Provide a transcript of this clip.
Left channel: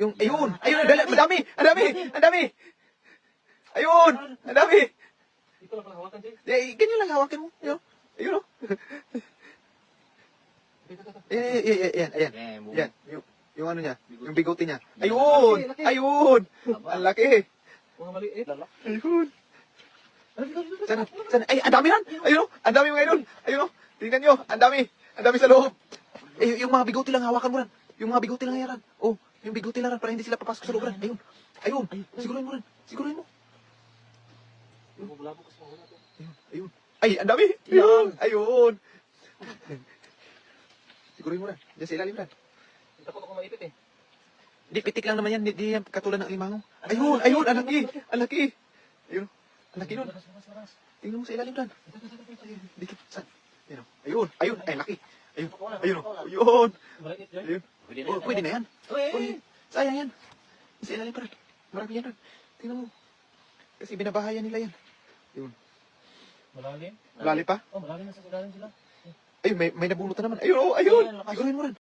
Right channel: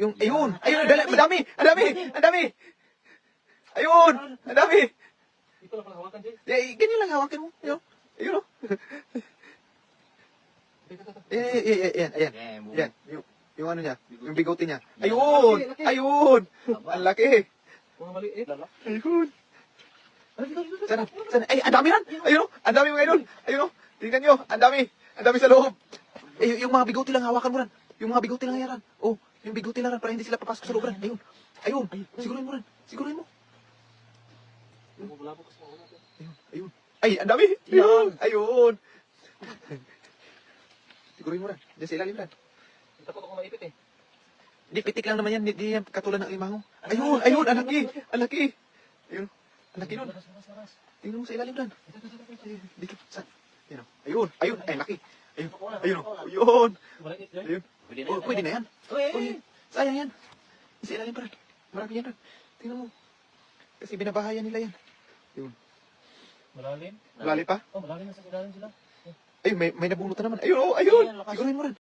ayun, dali, madami, ang dami, ang dami. Ayun, ang dami. Ito lang pala hawakan, Jay. Ganyan lang hawakan mo. Ayun, oh. Ayan. Yan, yung ano niya, yung bigote niya. Ayun, ayun. Ang laki. Mga maliit. Ayun. Sana. Ay, ang dami rin. Ayun, ang dami mga idol. Ayun, tingnan nyo, ang dami sa loob. Yung mga bigote lang, hawakan mo rin. Yung mga bigote lang yan. Oh, yung bigote lang para hindi sila papasok sa loob rin. Ayun, sigurin mo rin. Sigurin mo. Ayun. Ay, ang dami. Ayun. Sigurin mo rin. Diyan sa ilalim rin. Takot ako maipit eh. Hindi, pitik lang naman yan. Hindi yan katulad ng limango. Ayun, ang laki. Ang laki. Ayun, ang laki nun. Tingnan mo sa ilalim rin. Dikit, saan? Ayun, ay, laki. Ayun. Maliit yan. Ayun. Oh, pwede na yan. Sayang yan. Sa ilalim pa rin. Marami yan rin. Tingnan mo. Kasi binabahayan nila yan. Ayun. Malalim. Malalim pa? Oh, malalim na sa ilalim sila. Ay, may nabunot na naman. Ayun. Sigurin mo rin.